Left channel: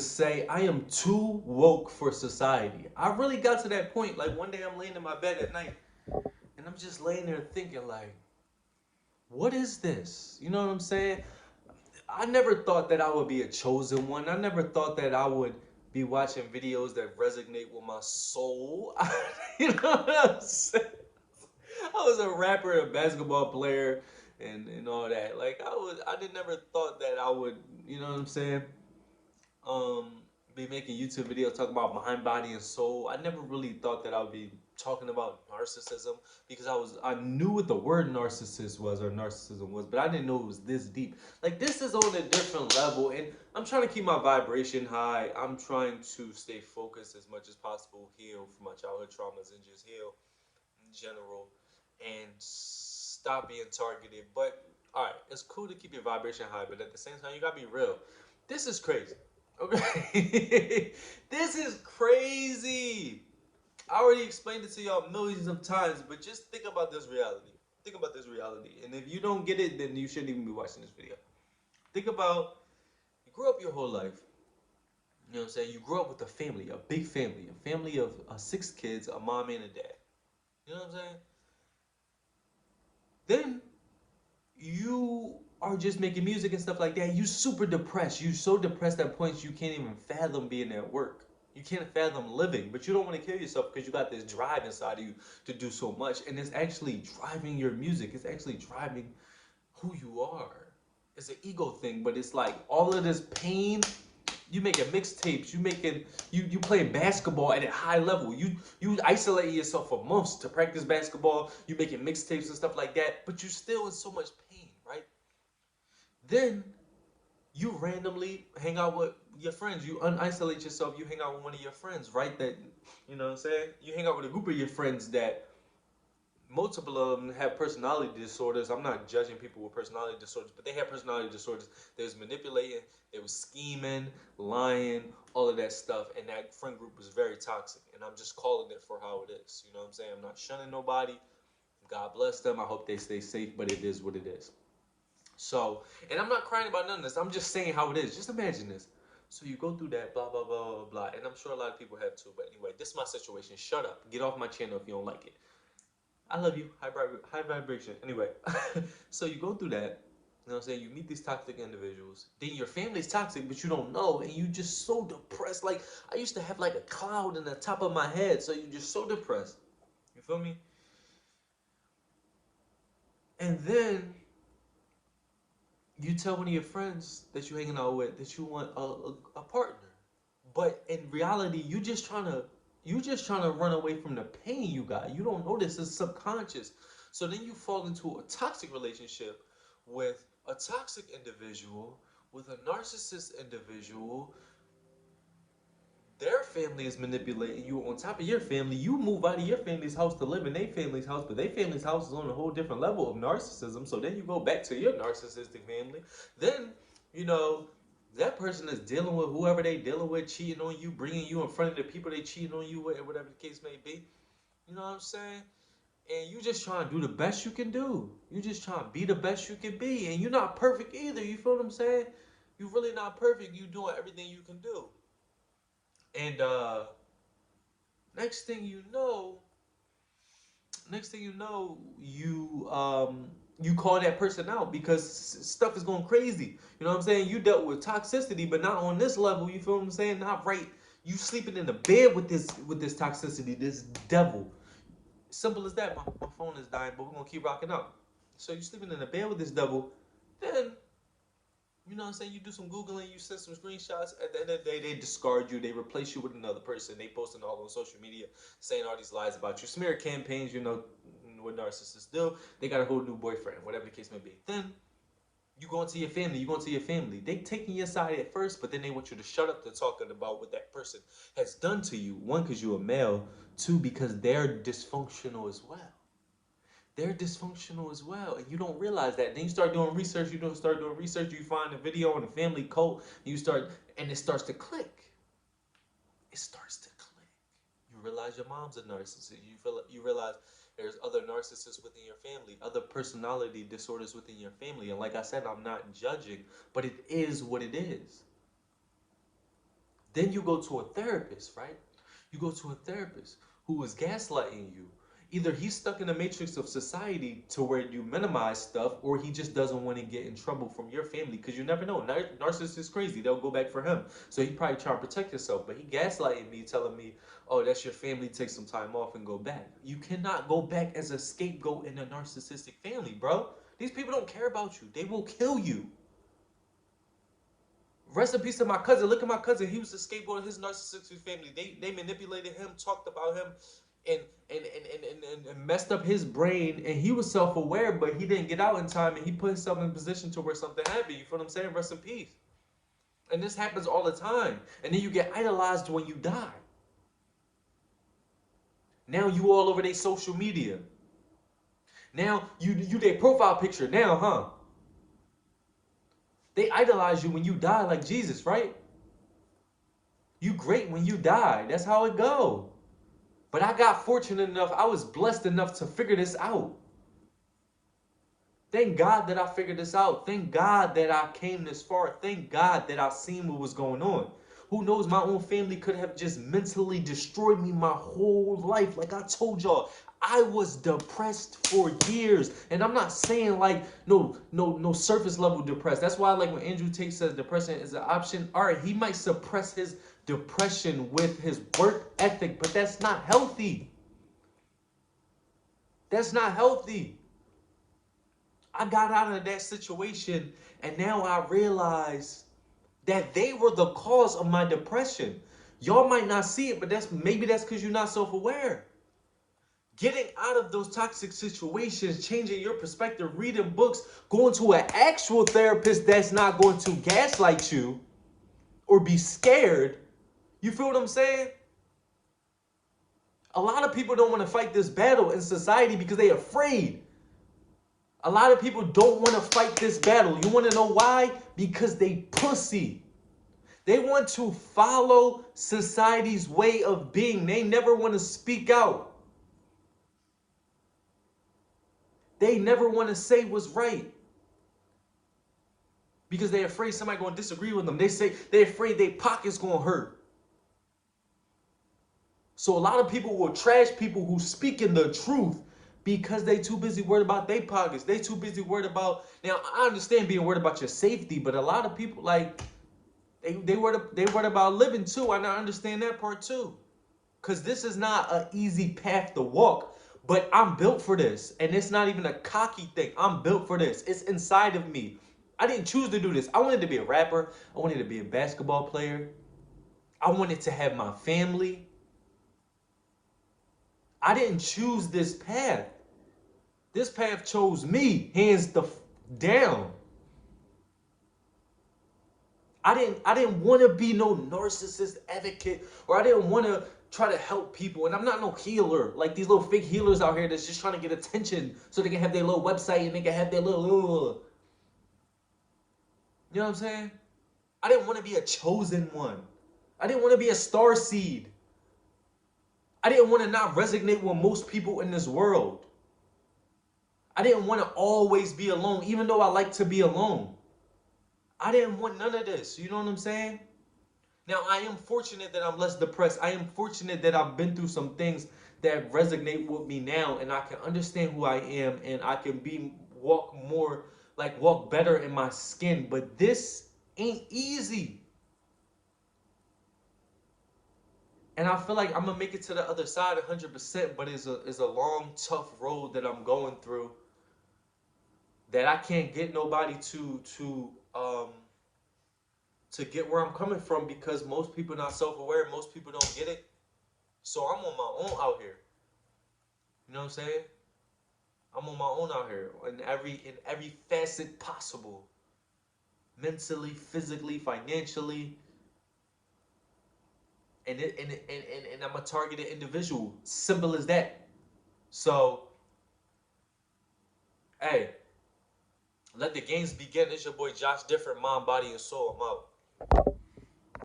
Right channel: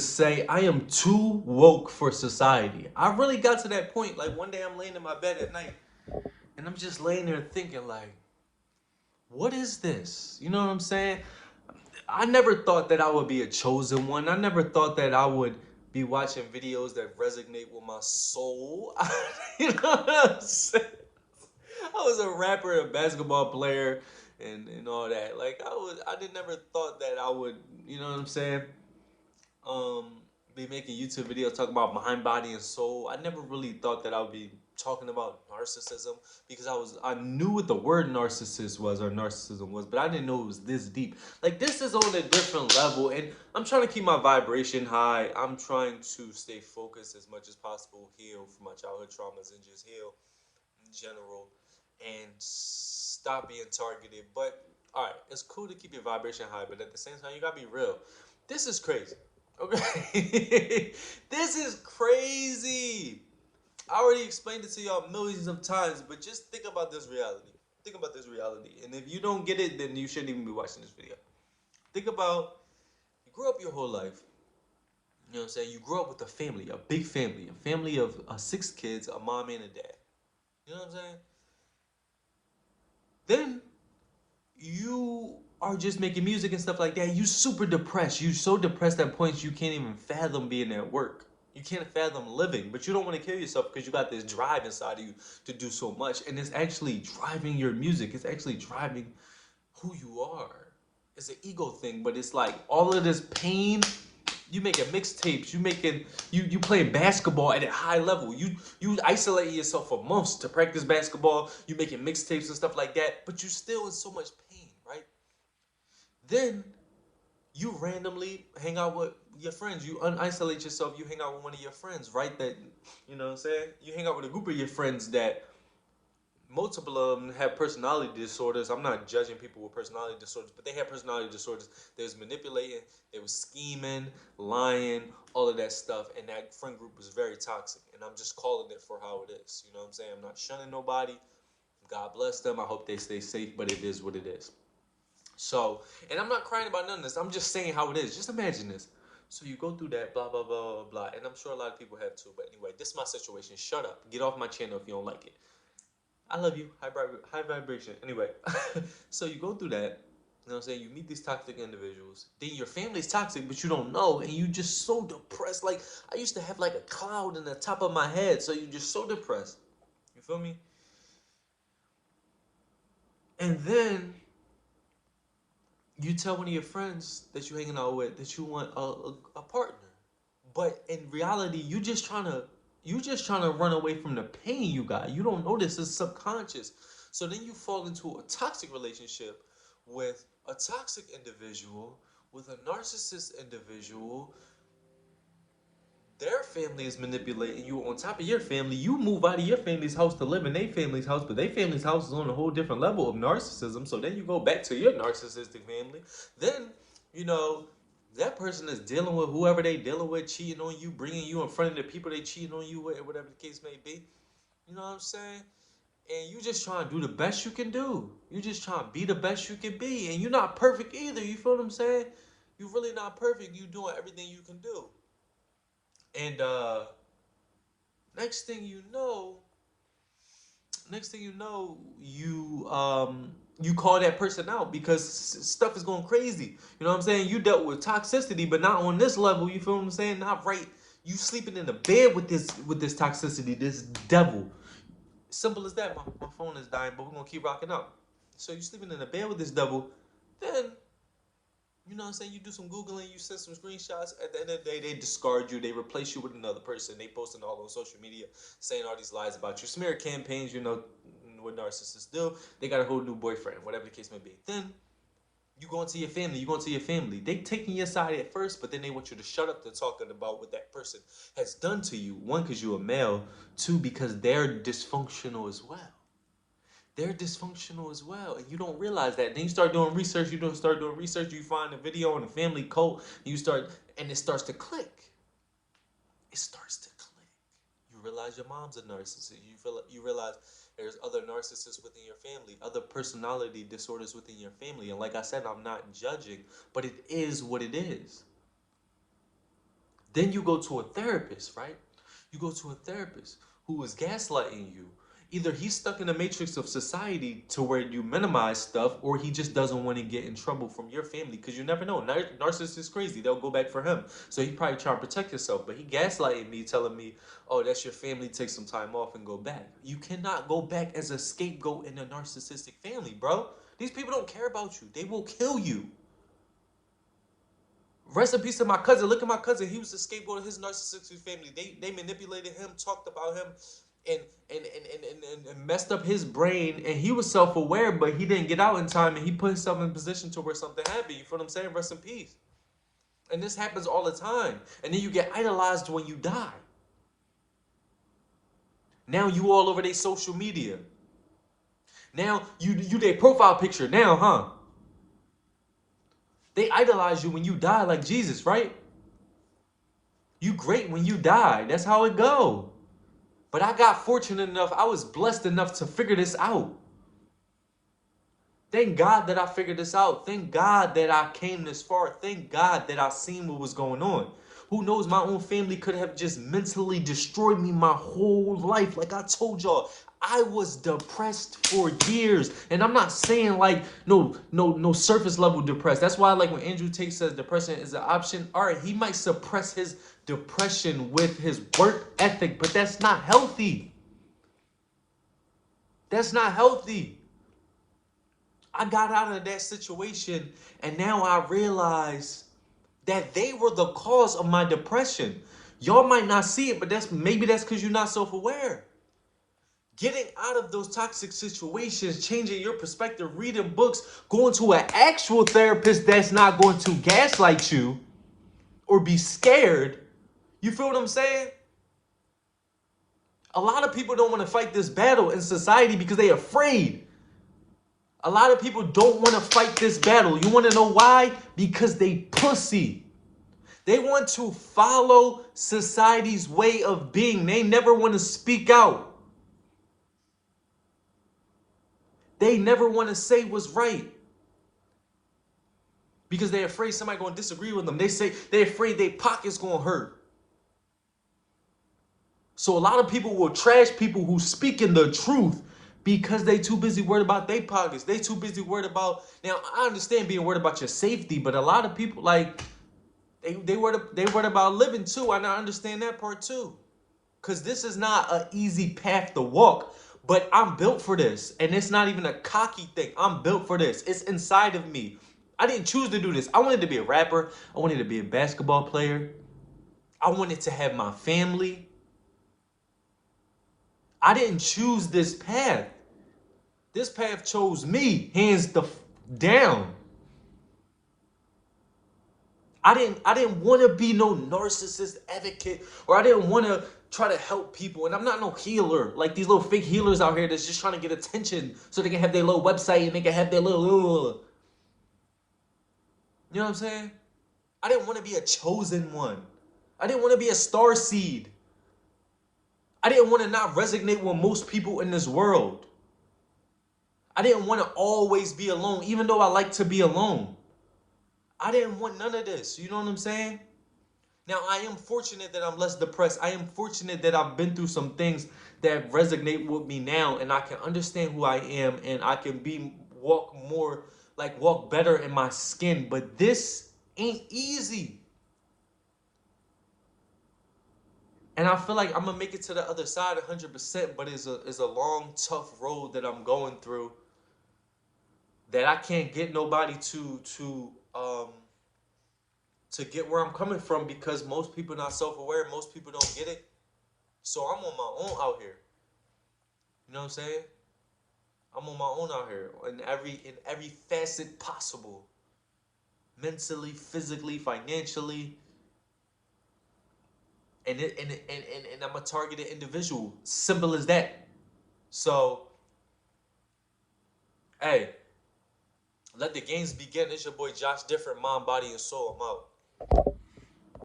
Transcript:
say I am too woke for society. I really got to that point. Like one day I'm laying in my bed at night and I'm just laying there thinking like, what is this? You know what I'm saying? I never thought that I would be a chosen one. I never thought that I would be watching videos that resonate with my soul. You know what I'm saying? I was a rapper, a basketball player, and all that. Like I did never thought that I would, you know what I'm saying? Be making YouTube videos talking about mind, body, and soul. I never really thought that I would be talking about narcissism because I knew what the word narcissist was or narcissism was, but I didn't know it was this deep. Like this is on a different level, and I'm trying to keep my vibration high. I'm trying to stay focused as much as possible, heal from my childhood traumas, and just heal in general, and stop being targeted. But all right, it's cool to keep your vibration high, but at the same time, you gotta be real. This is crazy. Okay, this is crazy. I already explained it to y'all millions of times, but just think about this reality. Think about this reality, and if you don't get it, then you shouldn't even be watching this video. Think about you grew up your whole life. You know what I'm saying? You grew up with a family of six kids, a mom and a dad. You know what I'm saying? Then you are just making music and stuff like that. You super depressed. You so depressed at points you can't even fathom being at work. You can't fathom living, but you don't want to kill yourself because you got this drive inside of you to do so much, and it's actually driving your music. It's actually driving who you are. It's an ego thing, but it's like all of this pain. You making mixtapes. You playing basketball at a high level. You isolate yourself for months to practice basketball. You making mixtapes and stuff like that, but you still in so much pain, right? Then you randomly hang out with your friends. You unisolate yourself. You hang out with one of your friends, right? That you know what I'm saying. You hang out with a group of your friends that multiple of them have personality disorders. I'm not judging people with personality disorders, but they have personality disorders. They was manipulating, they was scheming, lying, all of that stuff. And that friend group was very toxic. And I'm just calling it for how it is. You know what I'm saying? I'm not shunning nobody. God bless them. I hope they stay safe, but it is what it is. So, and I'm not crying about none of this. I'm just saying how it is. Just imagine this. So you go through that, blah, blah, blah, blah, blah. And I'm sure a lot of people have too. But anyway, this is my situation. Shut up. Get off my channel if you don't like it. I love you. High vibration. Anyway, so you go through that. You know what I'm saying? You meet these toxic individuals. Then your family's toxic, but you don't know, and you just so depressed. Like I used to have like a cloud in the top of my head, so you're just so depressed. You feel me? And then you tell one of your friends that you're hanging out with that you want a partner, but in reality, you just trying to run away from the pain you got. You don't know this is subconscious. So then you fall into a toxic relationship with a toxic individual, with a narcissist individual. Their family is manipulating you on top of your family. You move out of your family's house to live in their family's house, but their family's house is on a whole different level of narcissism. So then you go back to your narcissistic family. Then, you know, that person is dealing with whoever they dealing with, cheating on you, bringing you in front of the people they cheating on you with, whatever the case may be. You know what I'm saying? And you just trying to do the best you can do. You just trying to be the best you can be. And you're not perfect either. You feel what I'm saying? You're really not perfect. You doing everything you can do. And next thing you know, you call that person out because stuff is going crazy. You know what I'm saying? You dealt with toxicity, but not on this level. You feel what I'm saying? Not right. You sleeping in the bed with this toxicity, this devil. Simple as that. My phone is dying, but we're gonna keep rocking out. So you sleeping in the bed with this devil, then you know what I'm saying? You do some Googling, you send some screenshots. At the end of the day, they discard you. They replace you with another person. They posting all on social media saying all these lies about you. Smear campaigns, you know what narcissists do. They got a whole new boyfriend, whatever the case may be. Then you go into your family. You go into your family. They taking your side at first, but then they want you to shut up to talking about what that person has done to you. One, because you're a male. Two, because they're dysfunctional as well. They're dysfunctional as well, and you don't realize that. Then you start doing research. You don't start doing research. You find a video on a family cult. And you start, and it starts to click. It starts to click. You realize your mom's a narcissist. You realize there's other narcissists within your family, other personality disorders within your family. And like I said, I'm not judging, but it is what it is. Then you go to a therapist, right? You go to a therapist who is gaslighting you. Either he's stuck in the matrix of society to where you minimize stuff, or he just doesn't want to get in trouble from your family, because you never know. Narcissists is crazy. They'll go back for him. So he probably trying to protect himself. But he gaslighting me, telling me, oh, that's your family. Take some time off and go back. You cannot go back as a scapegoat in a narcissistic family, bro. These people don't care about you. They will kill you. Rest in peace to my cousin. Look at my cousin. He was a scapegoat of his narcissistic family. They manipulated him, talked about him, and and messed up his brain. And he was self-aware, but he didn't get out in time, and he put himself in a position to where something happened. You feel what I'm saying? Rest in peace. And this happens all the time. And then you get idolized when you die. Now you all over their social media. Now you their profile picture now, huh? They idolize you when you die like Jesus, right? You great when you die. That's how it go. But I got fortunate enough, I was blessed enough to figure this out. Thank God that I figured this out. Thank God that I came this far. Thank God that I seen what was going on. Who knows, my own family could have just mentally destroyed me my whole life. Like I told y'all, I was depressed for years. And I'm not saying like no surface level depressed. That's why like when Andrew Tate says depression is an option, all right, he might suppress his depression with his work ethic, but that's not healthy. That's not healthy. I got out of that situation, and now I realize that they were the cause of my depression. Y'all might not see it, but that's because you're not self-aware. Getting out of those toxic situations, changing your perspective, reading books, going to an actual therapist that's not going to gaslight you or be scared. You feel what I'm saying? A lot of people don't want to fight this battle in society because they're afraid. A lot of people don't want to fight this battle. You want to know why? Because they pussy. They want to follow society's way of being. They never want to speak out. They never want to say what's right. Because they're afraid somebody going to disagree with them. They're afraid their pocket's going to hurt. So a lot of people will trash people who speak in the truth because they too busy worried about their pockets. They too busy worried about. Now I understand being worried about your safety, but a lot of people like they worried about living too. And I understand that part too, because this is not an easy path to walk. But I'm built for this, and it's not even a cocky thing. I'm built for this. It's inside of me. I didn't choose to do this. I wanted to be a rapper. I wanted to be a basketball player. I wanted to have my family. I didn't choose this path. This path chose me, hands down. I didn't want to be no narcissist advocate, or I didn't want to try to help people. And I'm not no healer, like these little fake healers out here that's just trying to get attention so they can have their little website and they can have their little. You know what I'm saying? I didn't want to be a chosen one. I didn't want to be a star seed. I didn't want to not resonate with most people in this world. I didn't want to always be alone, even though I like to be alone. I didn't want none of this. You know what I'm saying? Now, I am fortunate that I'm less depressed. I am fortunate that I've been through some things that resonate with me now, and I can understand who I am, and I can walk better in my skin. But this ain't easy. And I feel like I'm gonna make it to the other side 100%, but it's a long, tough road that I'm going through that I can't get nobody to get where I'm coming from, because most people not self-aware, most people don't get it. So I'm on my own out here. You know what I'm saying? I'm on my own out here in every facet possible. Mentally, physically, financially. And I'm a targeted individual. Simple as that. So, hey, let the games begin. It's your boy Joshdifferent, mind, body, and soul. I'm out.